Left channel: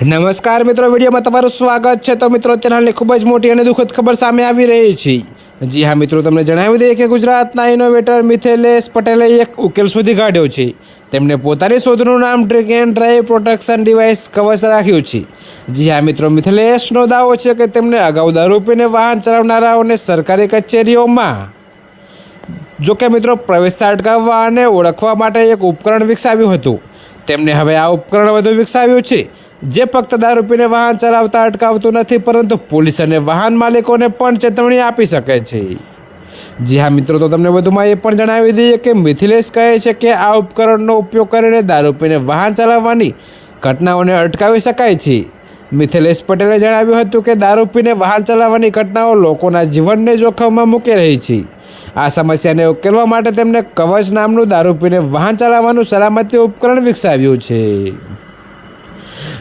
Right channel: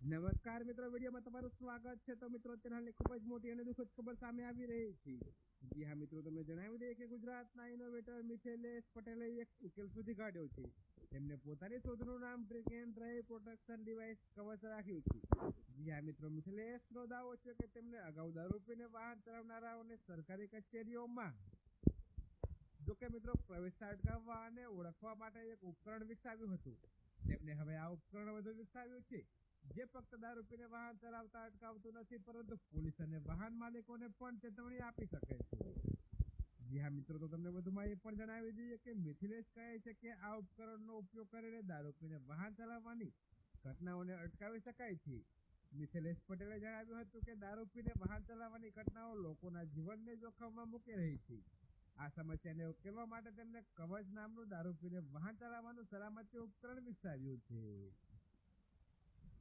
નમસ્કાર મિત્રો, વિડીયોમાં તમારું સ્વાગત છે. તો મિત્રો અત્યારે ખૂબ જ મોટી અને દુઃખદ ખબર સામે આવી રહી છે. જી હા, મિત્રો, તમને જણાવી દઈએ કે ગુજરાતના ઇનોવેટર મિથેલેશ પટેલે એક ઉકેલ શોધી કાઢ્યો છે. તેમણે પોતાની શોધનું નામ drink and drive protection device Kavach રાખ્યું છે. જી હા, મિત્રો, મિથેલેશનો દાવો છે કે તેમણે અગાઉ દારૂ પીને વાહન ચલાવનારાઓને સરકારી કચેરીઓમાં જોકે મિત્રો પ્રવેશતા અટકાવવા અને ઓળખવા માટે એક ઉપકરણ વિકસાવ્યું હતું. તેમણે હવે આ ઉપકરણ વધુ વિકસાવ્યું છે. જે ફક્ત દારૂ પીને વાહન ચલાવતા અટકાવતું નથી, પરંતુ પોલીસ અને વાહન માલિકોને પણ ચેતવણી આપી શકે છે. જી હા, મિત્રો, તો તમને વધુમાં એ પણ જણાવી દઈએ કે મિથિલેશ કહે છે કે આ ઉપકરણનો ઉપયોગ કરીને દારૂ પીને વાહન ચલાવવાની ઘટનાઓને અટકાવી શકાય છે. મિથિલેશ પટેલે જણાવ્યું હતું કે દારૂ પીને વાહન ચલાવવાની ઘટનાઓ લોકોના જીવનને જોખમમાં મૂકી રહી છે. આ સમસ્યાને ઉકેલવા માટે તેમણે કવચ નામનું દારૂ પીને વાહન ચલાવવાનું સલામતી ઉપકરણ વિકસાવ્યું છે.